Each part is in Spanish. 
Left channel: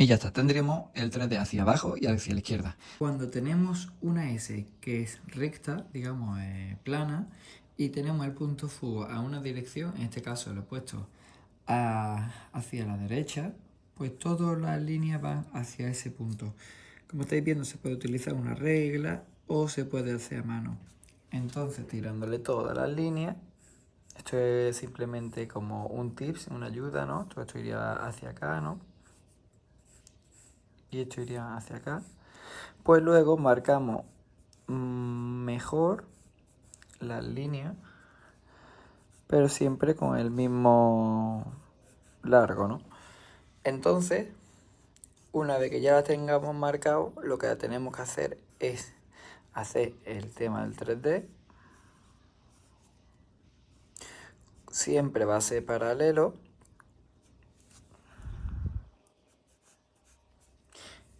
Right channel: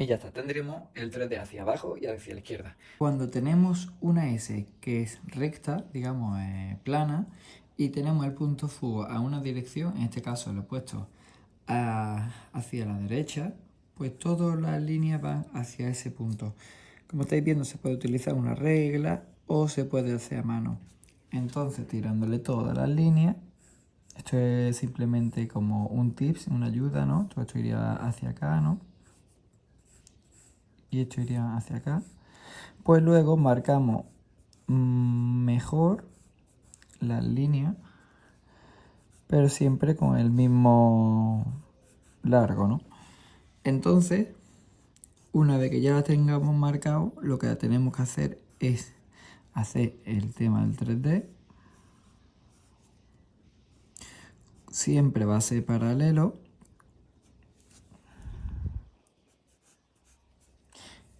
Y ya está, tendremos el 3D hacia abajo y hacia la izquierda. Cuando tenemos una S que es recta, digamos plana, y tenemos el punto fuga a una dirección, en este caso lo he puesto hacia la derecha, pues todas las líneas van hacia ese punto. Como estáis viendo, se puede utilizar una regla o se puede hacer a mano. Entonces, tirándole todas las líneas, esto es simplemente como un tips, una ayuda, ¿no? Todo esto iría hacia acá, ¿no? Y esto iría hacia acá. Pues luego marcamos mejor las líneas, pero siempre con el mismo largo, ¿no? Entonces, una vez que ya la tengamos marcado, lo que tenemos que hacer es hacer el tema del 3D. Siempre va a ser paralelo.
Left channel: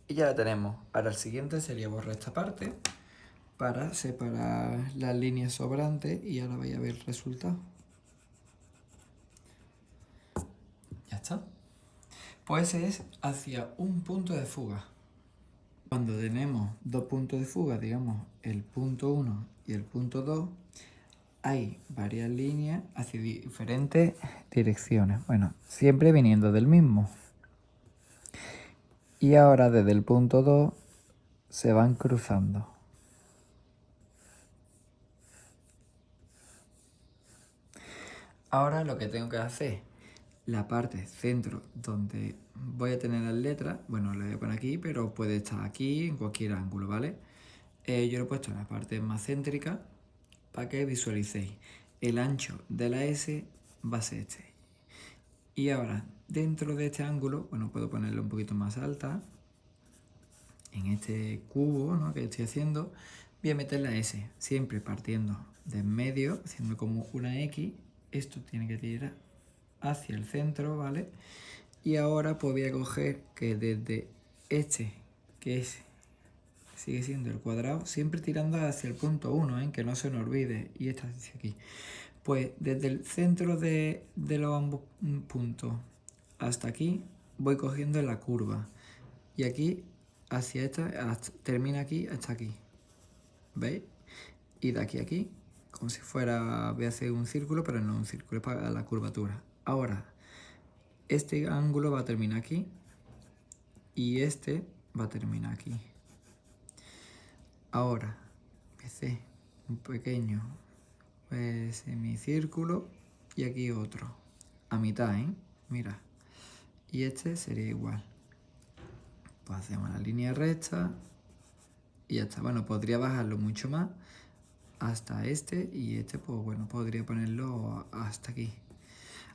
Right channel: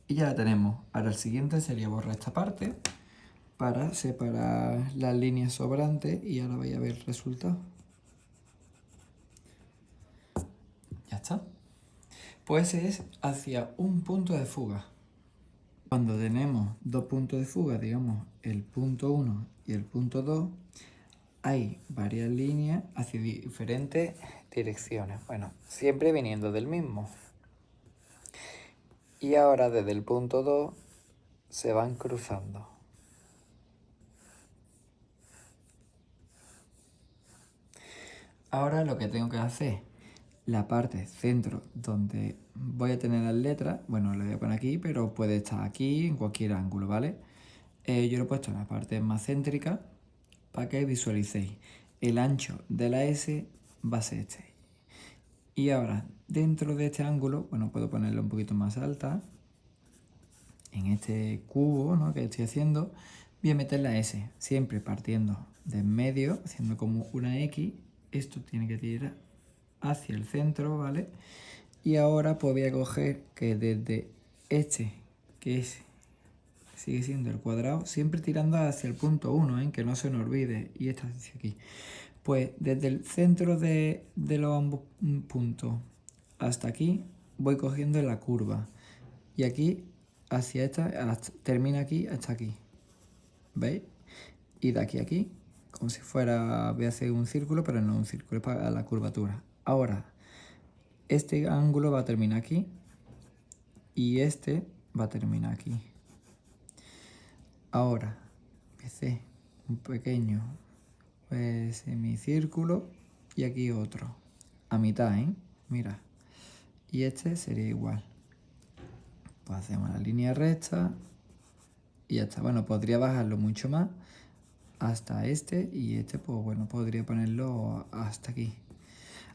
Y ya la tenemos. Ahora el siguiente sería borrar esta parte para separar las líneas sobrantes y ahora vais a ver el resultado. Ya está. Pues es hacia un punto de fuga. Cuando tenemos dos puntos de fuga, digamos el punto 1 y el punto 2, hay varias líneas hacia diferentes direcciones. Bueno, siempre viniendo del mismo. Y ahora desde el punto 2 se van cruzando. Ahora lo que tengo que hacer, la parte centro donde voy a tener las letras, bueno, lo voy a poner aquí, pero puede estar aquí en cualquier ángulo, ¿vale? Yo lo he puesto en la parte más céntrica para que visualicéis. El ancho de la S va a ser este. Y ahora, dentro de este ángulo, bueno, puedo ponerlo un poquito más alta. En este cubo, ¿no?, que estoy haciendo, voy a meter la S, siempre partiendo de en medio, haciendo como una X. Esto tiene que tirar hacia el centro, ¿vale? Y ahora pues voy a coger que desde este, que es, sigue siendo el cuadrado, siempre tirando hacia el punto 1, ¿eh?, que no se nos olvide, y esta hacia aquí. Pues desde el centro de los ambos puntos hasta aquí voy cogiendo la curva. Y aquí hacia esta, termina aquí hasta aquí. ¿Veis? Y de aquí a aquí, como si fuera, voy a hacer un círculo, pero no un círculo, es para la curvatura. Ahora, este ángulo va a terminar aquí y este va a terminar aquí. Ahora, empecé un pequeño semicírculo y aquí otro, a mitad, ¿eh? Mira, y este sería igual. Pues hacemos la línea recta y ya está. Bueno, podría bajarlo mucho más hasta este y este, pues bueno, podría ponerlo hasta aquí.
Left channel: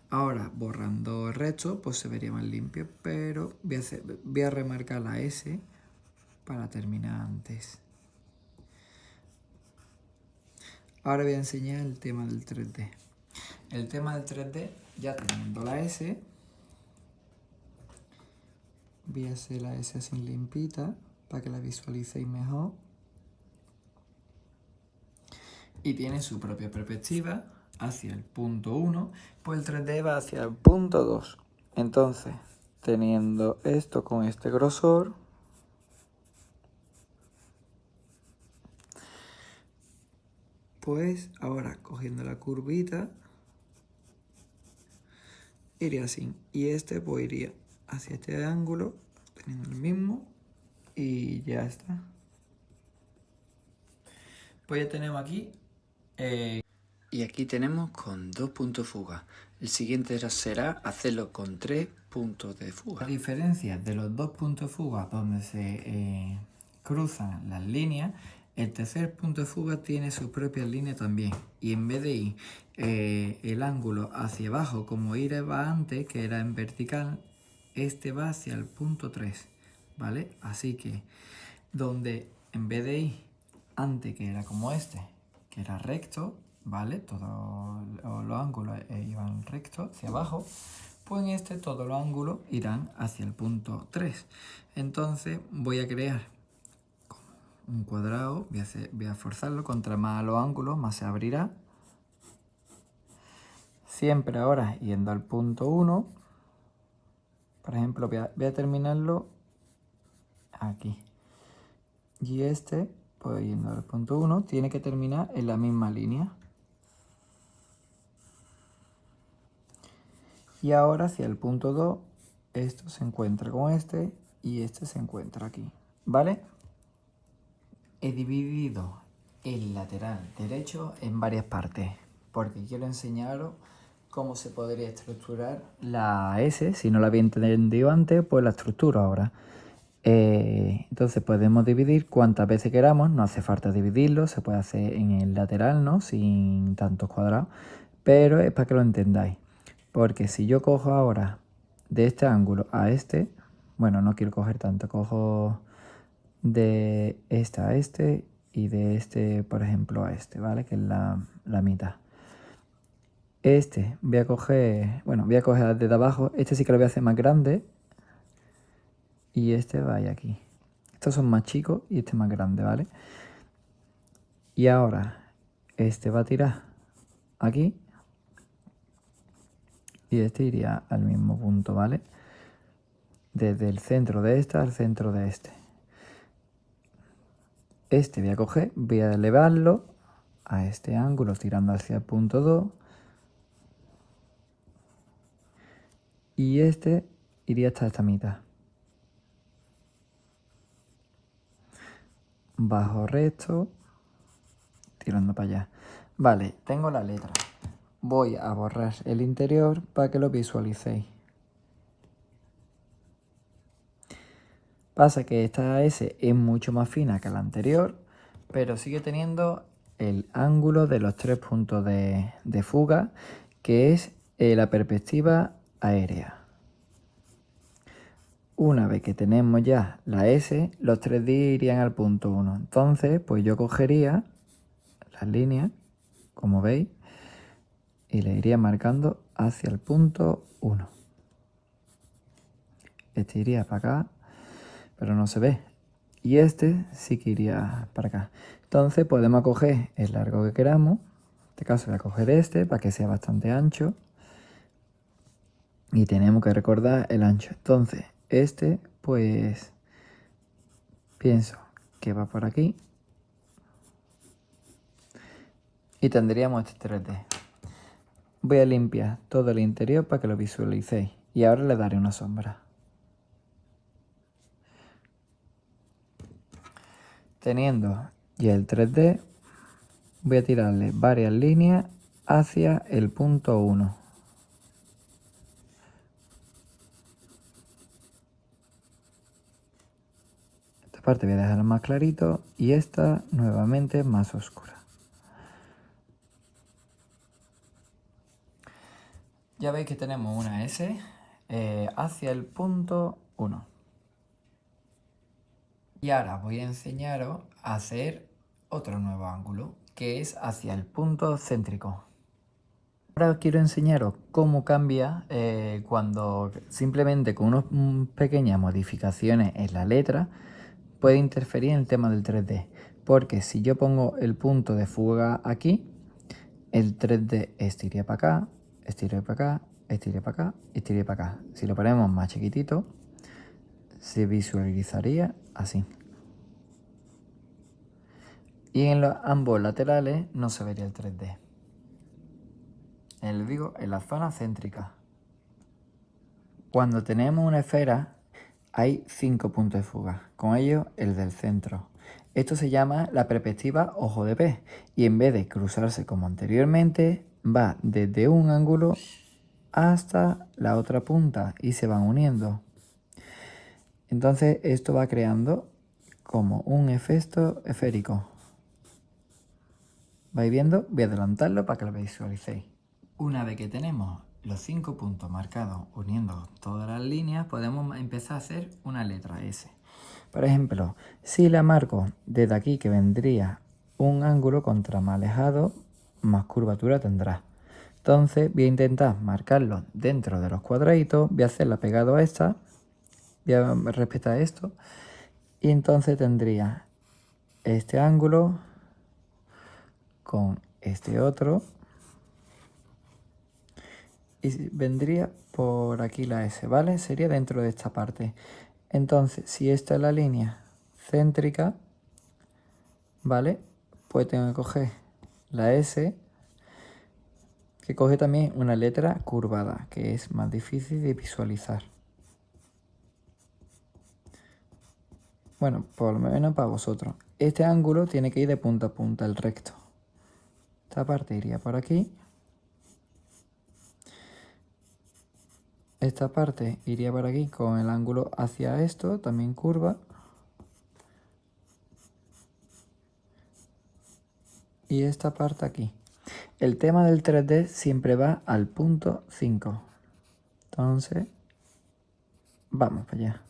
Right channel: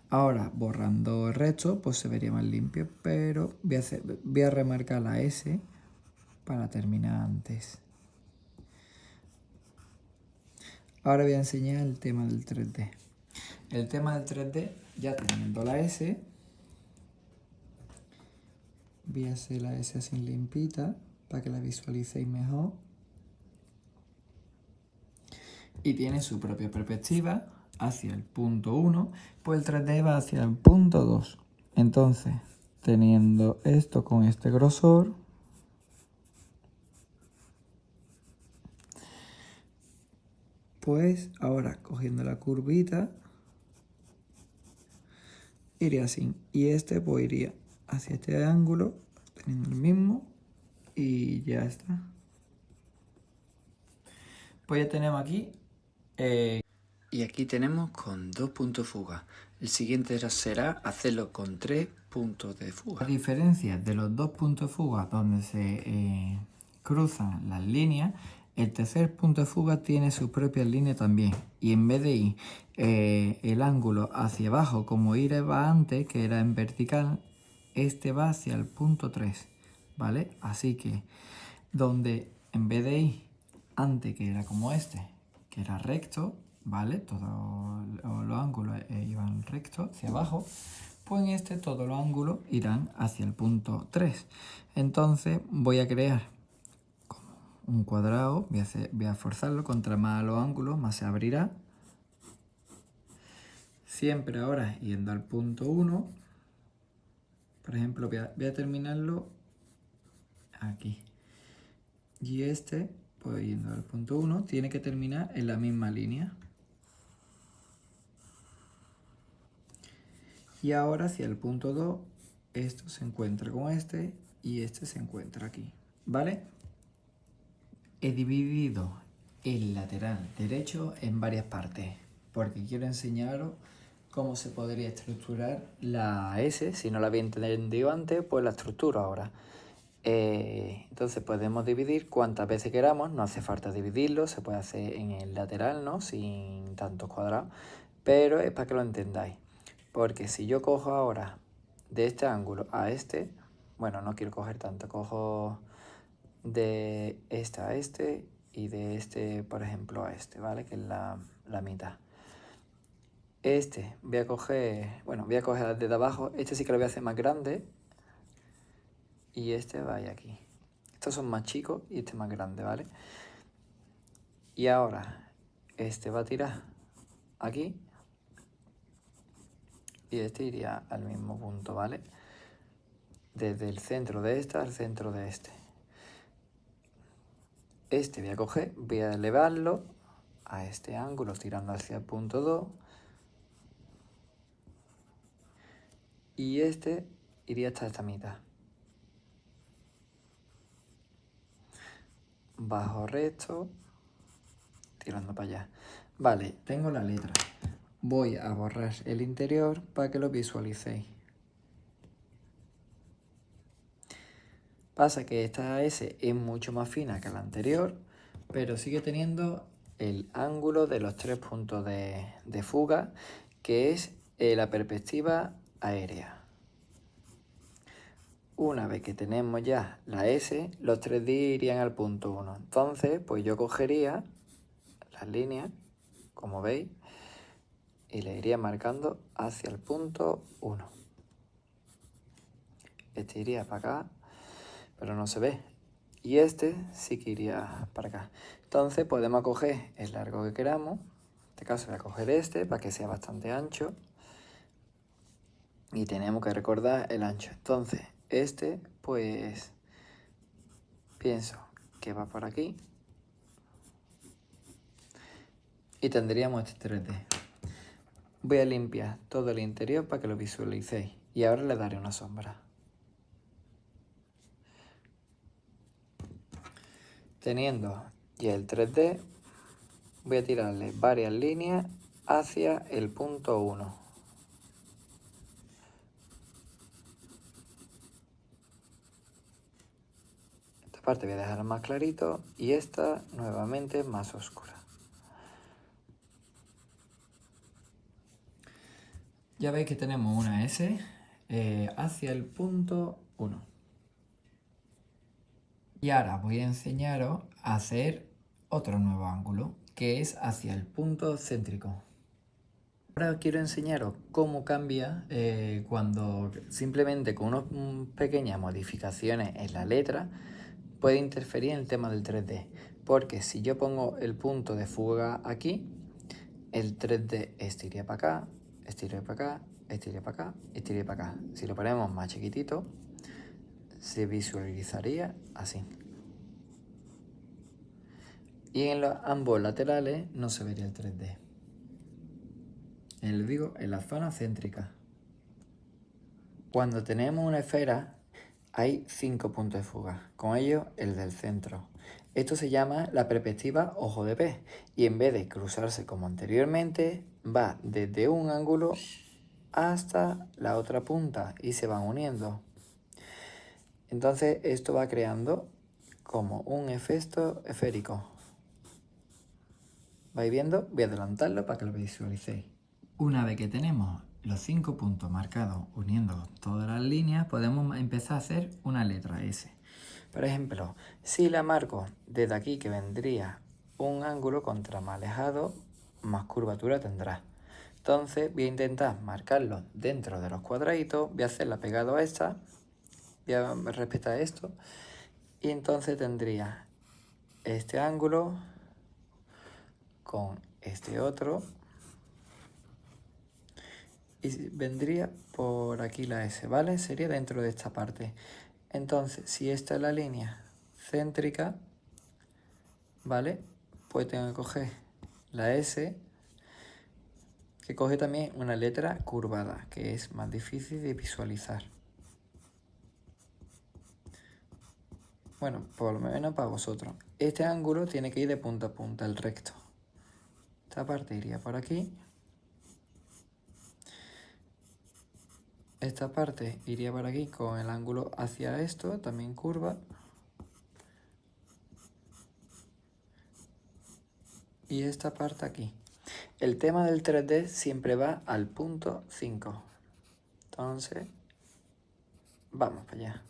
Ahora, borrando el resto, pues se vería más limpio, pero voy a remarcar la S para terminar antes. Ahora voy a enseñar el tema del 3D. El tema del 3D, ya teniendo la S, voy a hacer la S así limpita para que la visualicéis mejor. Y tiene su propia perspectiva hacia el punto 1, pues el 3D va hacia el punto 2. Entonces, teniendo esto con este grosor, pues ahora cogiendo la curvita, iría así. Y este pues iría hacia este ángulo, teniendo el mismo, y ya está. Pues ya tenemos aquí. Y aquí tenemos con 2 puntos de fuga. El siguiente será hacerlo con 3 puntos de fuga. A diferencia de los 2 puntos de fuga donde se cruzan las líneas, el tercer punto de fuga tiene sus propias líneas también. Y en vez de ir el ángulo hacia abajo como iba antes, que era en vertical, este va hacia el punto 3, ¿vale? Así que donde en vez de ir antes, que era como este, que era recto, ¿vale? Todos los ángulos iban rectos hacia abajo, pues en este todos los ángulos irán hacia el punto 3. Entonces voy a crear como un cuadrado, voy a forzarlo, contra más los ángulos, más se abrirá. Siempre ahora yendo al punto 1, Por ejemplo, voy a terminarlo aquí. Y este, pues yendo al punto 1, tiene que terminar en la misma línea. Y ahora hacia el punto 2, esto se encuentra con este y este se encuentra aquí. ¿Vale? He dividido el lateral derecho en varias partes porque quiero enseñaros cómo se podría estructurar la S. Si no la había entendido antes, pues la estructuro ahora. Entonces podemos dividir cuantas veces queramos, no hace falta dividirlo, se puede hacer en el lateral, ¿no? Sin tantos cuadrados, pero es para que lo entendáis. Porque si yo cojo ahora de este ángulo a este, bueno, no quiero coger tanto, cojo de este a este y de este, por ejemplo, a este, ¿vale? Que es la mitad. Este voy a coger, bueno, voy a coger desde abajo, este sí que lo voy a hacer más grande y este vaya aquí. Estos son más chicos y este más grande, ¿vale? Y ahora este va a tirar aquí y este iría al mismo punto, ¿vale? Desde el centro de este al centro de este. Este voy a coger, voy a elevarlo a este ángulo tirando hacia el punto 2 y este iría hasta esta mitad. Bajo recto, tirando para allá. Vale, tengo la letra. Voy a borrar el interior para que lo visualicéis. Pasa que esta S es mucho más fina que la anterior, pero sigue teniendo el ángulo de los 3 puntos de fuga, que es la perspectiva aérea. Una vez que tenemos ya la S, los 3D irían al punto 1. Entonces, pues yo cogería las líneas, como veis, y le iría marcando hacia el punto 1. Este iría para acá, pero no se ve. Y este sí que iría para acá. Entonces podemos coger el largo que queramos. En este caso voy a coger este para que sea bastante ancho. Y tenemos que recordar el ancho. Entonces este pues pienso que va por aquí. Y tendríamos este 3D. Voy a limpiar todo el interior para que lo visualicéis. Y ahora le daré una sombra. Teniendo ya el 3D, voy a tirarle varias líneas hacia el punto 1. Esta parte voy a dejarla más clarito y esta nuevamente más oscura. Ya veis que tenemos una S hacia el punto 1. Y ahora voy a enseñaros a hacer otro nuevo ángulo, que es hacia el punto céntrico. Ahora quiero enseñaros cómo cambia cuando simplemente con unas pequeñas modificaciones en la letra puede interferir en el tema del 3D. Porque si yo pongo el punto de fuga aquí, el 3D estiría para acá, estiría para acá, estiría para acá, estiría para acá. Si lo ponemos más chiquitito, se visualizaría así. Y en ambos laterales no se vería el 3D. Digo, en la zona céntrica. Cuando tenemos una esfera, hay 5 puntos de fuga, con ellos el del centro. Esto se llama la perspectiva ojo de pez y en vez de cruzarse como anteriormente, va desde un ángulo hasta la otra punta y se van uniendo. Entonces esto va creando como un efecto esférico. ¿Vais viendo? Voy a adelantarlo para que lo visualicéis. Una vez que tenemos los 5 puntos marcados uniendo todas las líneas, podemos empezar a hacer una letra S. Por ejemplo, si la marco desde aquí, que vendría un ángulo, contra más alejado, más curvatura tendrá. Entonces voy a intentar marcarlo dentro de los cuadraditos, voy a hacerla pegado a esta, voy a respetar esto, y entonces tendría este ángulo con este otro, y vendría por aquí la S, ¿vale? Sería dentro de esta parte. Entonces, si esta es la línea céntrica, ¿vale? Pues tengo que coger la S, que coge también una letra curvada, que es más difícil de visualizar. Bueno, por lo menos para vosotros. Este ángulo tiene que ir de punta a punta, el recto. Esta parte iría por aquí. Esta parte iría por aquí con el ángulo hacia esto, también curva. Y esta parte aquí. El tema del 3D siempre va al punto 5. Entonces, vamos para allá.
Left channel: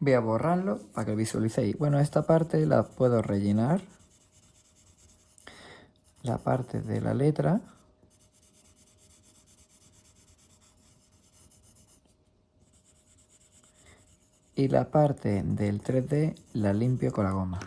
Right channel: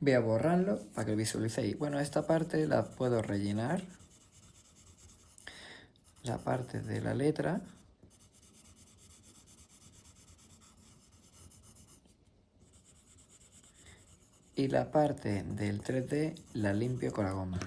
Voy a borrarlo para que visualicéis. Bueno, esta parte la puedo rellenar. La parte de la letra. Y la parte del 3D la limpio con la goma.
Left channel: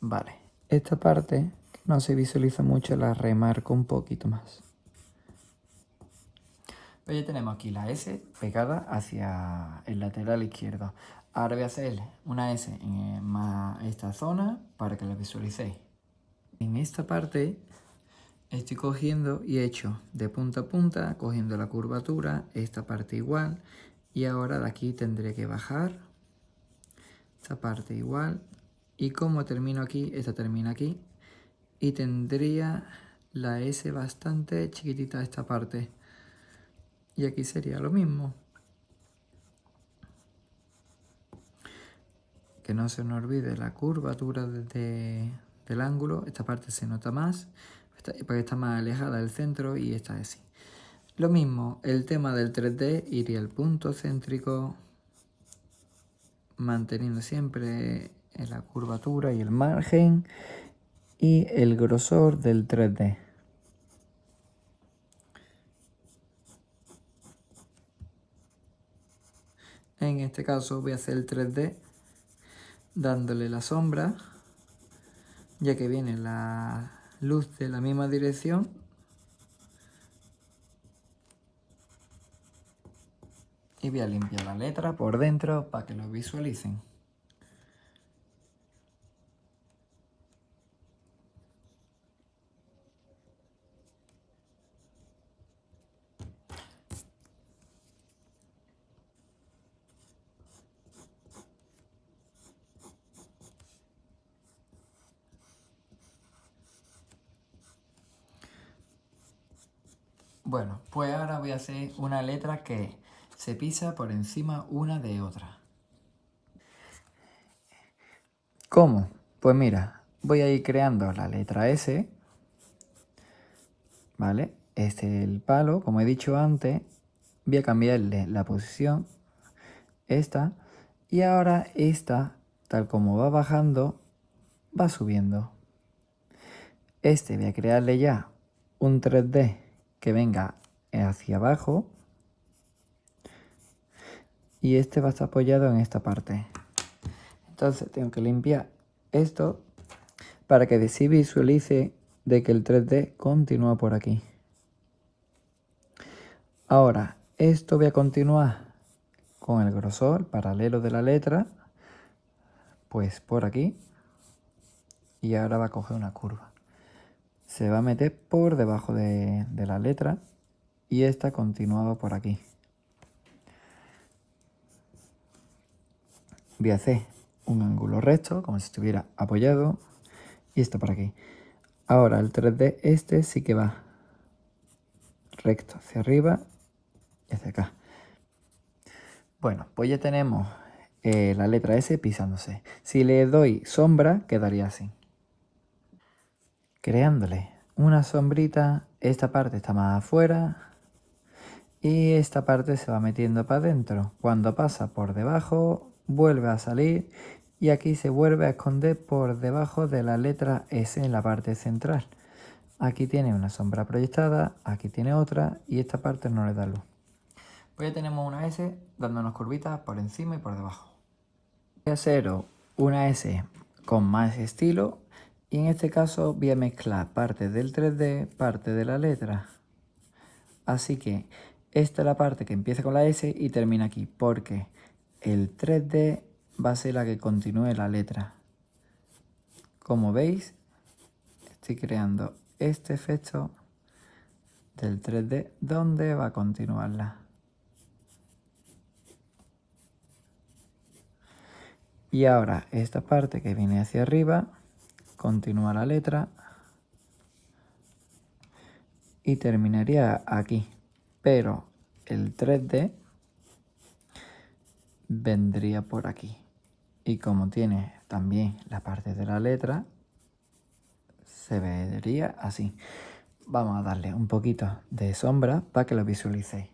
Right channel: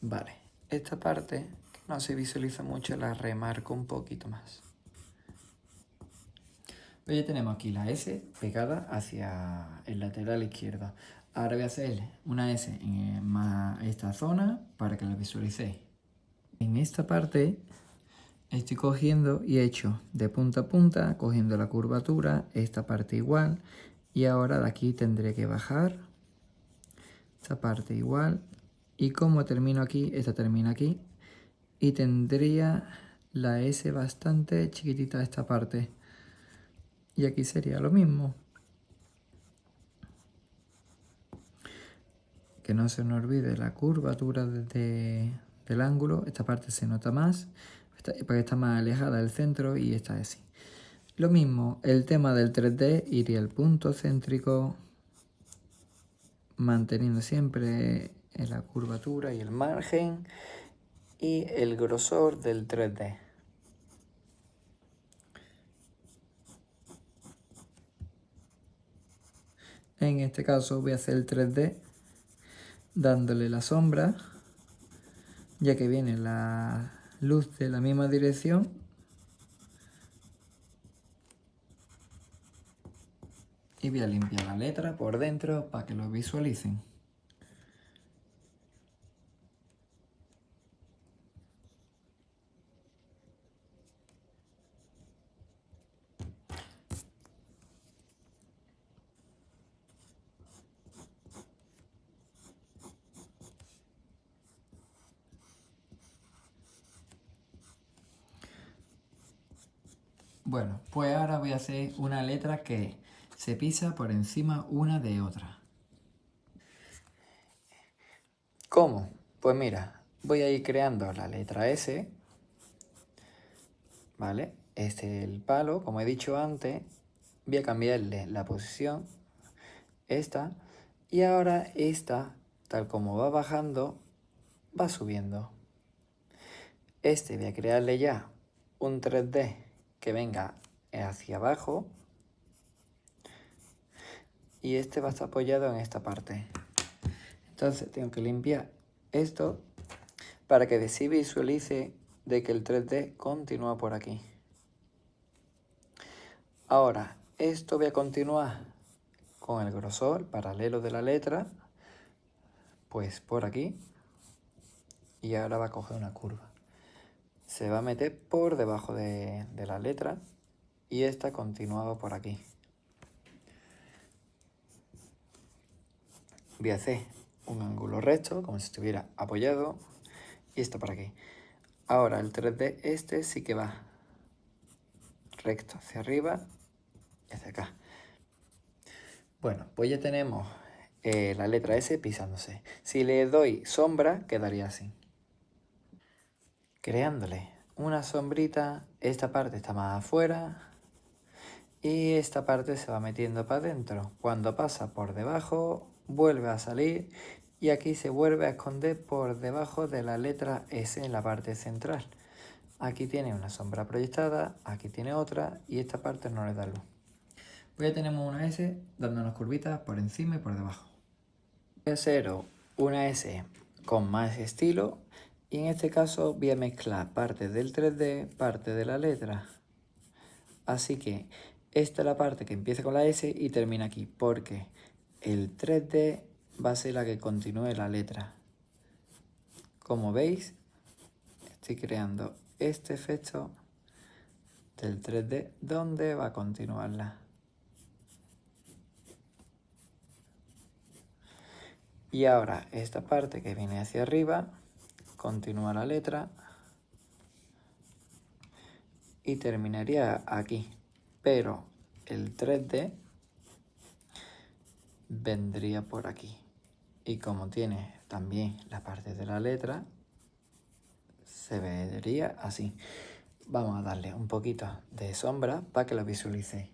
Vale, esta parte que no se visualiza mucho la remarco un poquito más. Pues ya tenemos aquí la S pegada hacia el lateral izquierdo. Ahora voy a hacer una S en más esta zona para que la visualicéis. En esta parte estoy cogiendo y he hecho de punta a punta, cogiendo la curvatura, esta parte igual. Y ahora de aquí tendré que bajar, esta parte igual. Y como termino aquí, esta termina aquí. Y tendría la S bastante chiquitita esta parte. Y aquí sería lo mismo. Que no se nos olvide la curvatura del ángulo. Esta parte se nota más, porque está más alejada del centro y esta es así. Lo mismo, el tema del 3D iría el punto céntrico, manteniendo siempre la curvatura y el margen y el grosor del 3D. En este caso voy a hacer el 3D dándole la sombra, ya que viene la luz de la misma dirección. Y voy a limpiar la letra por dentro para que lo visualicen. Bueno, pues ahora voy a hacer una letra que se pisa por encima una de otra. ¿Cómo? Pues mira, voy a ir creando la letra S, ¿vale? Este es el palo, como he dicho antes, voy a cambiarle la posición, esta, y ahora esta, tal como va bajando, va subiendo. Este voy a crearle ya un 3D que venga hacia abajo, y este va a estar apoyado en esta parte. Entonces tengo que limpiar esto para que se visualice de que el 3D continúa por aquí. Ahora, esto voy a continuar con el grosor paralelo de la letra, pues por aquí, y ahora va a coger una curva. Se va a meter por debajo de la letra y esta continuaba por aquí. Voy a hacer un ángulo recto, como si estuviera apoyado, y esto por aquí. Ahora el 3D este sí que va recto hacia arriba y hacia acá. Bueno, pues ya tenemos la letra S pisándose. Si le doy sombra, quedaría así. Creándole una sombrita, esta parte está más afuera y esta parte se va metiendo para adentro. Cuando pasa por debajo, vuelve a salir y aquí se vuelve a esconder por debajo de la letra S en la parte central. Aquí tiene una sombra proyectada, aquí tiene otra y esta parte no le da luz. Pues ya tenemos una S dándonos curvitas por encima y por debajo. Voy a hacer una S con más estilo y en este caso voy a mezclar parte del 3D, parte de la letra. Así que esta es la parte que empieza con la S y termina aquí, porque el 3D va a ser la que continúe la letra. Como veis, estoy creando este efecto del 3D donde va a continuarla. Y ahora esta parte que viene hacia arriba, continúa la letra y terminaría aquí. Pero el 3D vendría por aquí. Y como tiene también la parte de la letra, se vería así. Vamos a darle un poquito de sombra para que lo visualicéis.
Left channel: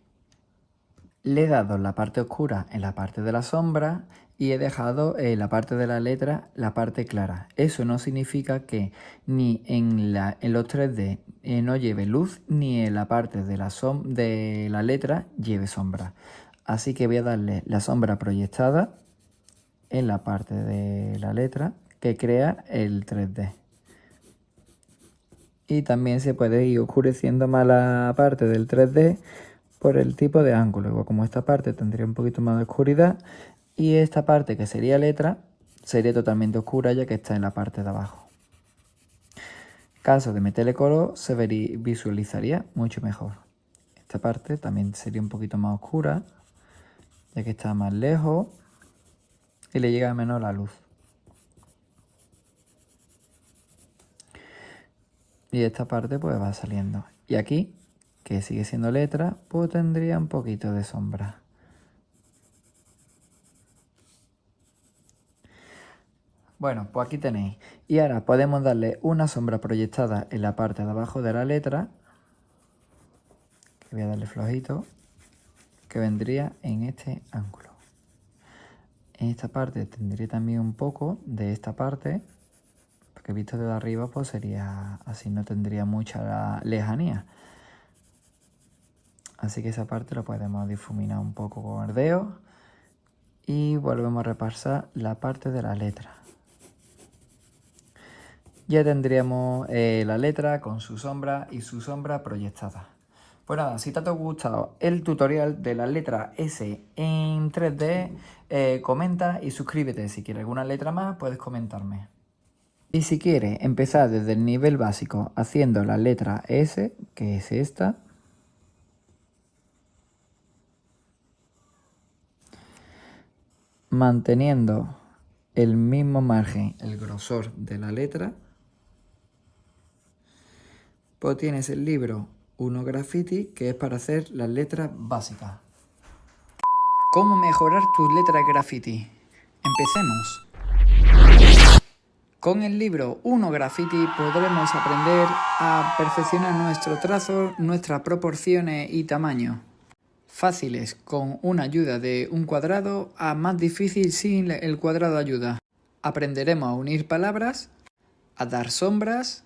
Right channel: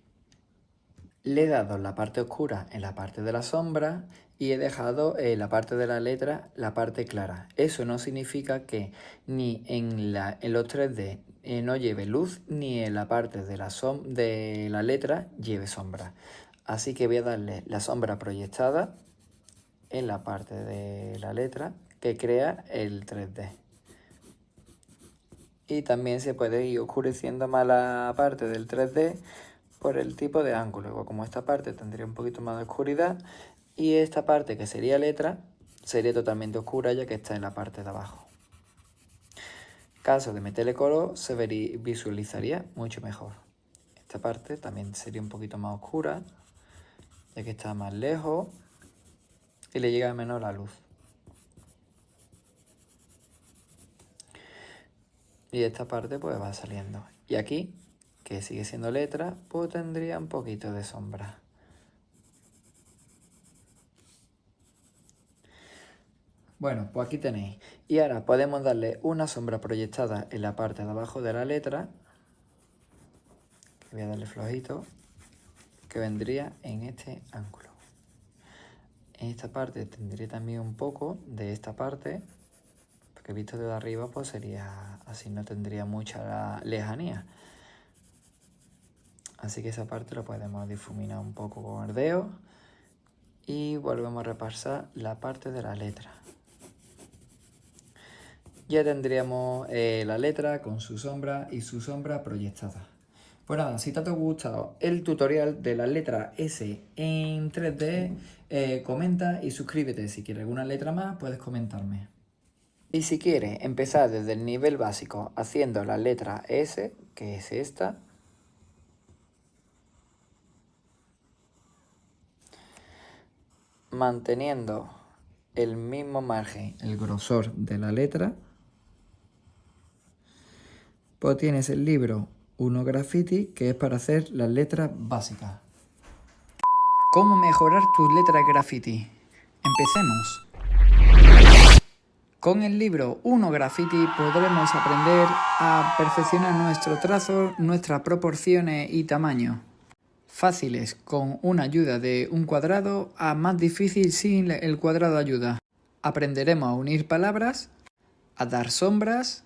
Le he dado la parte oscura en la parte de la sombra y he dejado en la parte de la letra la parte clara. Eso no significa que ni en los 3D no lleve luz, ni en la parte de la letra lleve sombra. Así que voy a darle la sombra proyectada en la parte de la letra que crea el 3D. Y también se puede ir oscureciendo más la parte del 3D por el tipo de ángulo. Igual como esta parte tendría un poquito más de oscuridad y esta parte que sería letra sería totalmente oscura ya que está en la parte de abajo. Caso de meterle color se visualizaría mucho mejor. Esta parte también sería un poquito más oscura ya que está más lejos y le llega menos la luz. Y esta parte pues va saliendo. Y aquí, que sigue siendo letra, pues tendría un poquito de sombra. Bueno, pues aquí tenéis. Y ahora podemos darle una sombra proyectada en la parte de abajo de la letra. Voy a darle flojito. Que vendría en este ángulo. En esta parte tendría también un poco de esta parte. Porque visto desde arriba pues sería así, no tendría mucha lejanía. Así que esa parte la podemos difuminar un poco con verdeo. Y volvemos a repasar la parte de la letra. Ya tendríamos la letra con su sombra y su sombra proyectada. Pues nada, si te ha gustado el tutorial de la letra S en 3D, comenta y suscríbete. Si quieres alguna letra más, puedes comentarme. Y si quieres empezar desde el nivel básico haciendo la letra S, que es esta, manteniendo el mismo margen, el grosor de la letra, pues tienes el libro 1 Graffiti, que es para hacer las letras básicas. ¿Cómo mejorar tus letras graffiti? Empecemos. Con el libro 1 Graffiti podremos aprender a perfeccionar nuestro trazo, nuestras proporciones y tamaño. Fáciles con una ayuda de un cuadrado a más difícil sin el cuadrado ayuda. Aprenderemos a unir palabras, a dar sombras,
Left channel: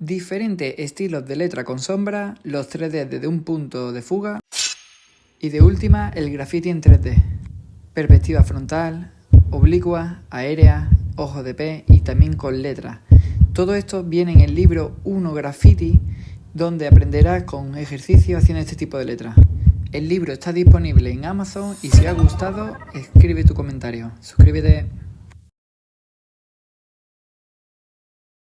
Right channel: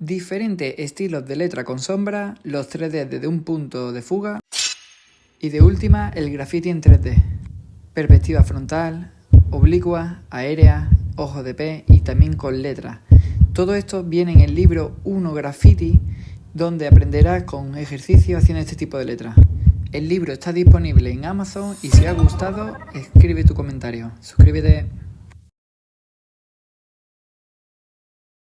diferentes estilos de letra con sombra, los 3D desde un punto de fuga y de última el graffiti en 3D. Perspectiva frontal, oblicua, aérea, ojos de pez y también con letras. Todo esto viene en el libro 1 Graffiti, donde aprenderás con ejercicios haciendo este tipo de letras. El libro está disponible en Amazon y si te ha gustado, escribe tu comentario. Suscríbete.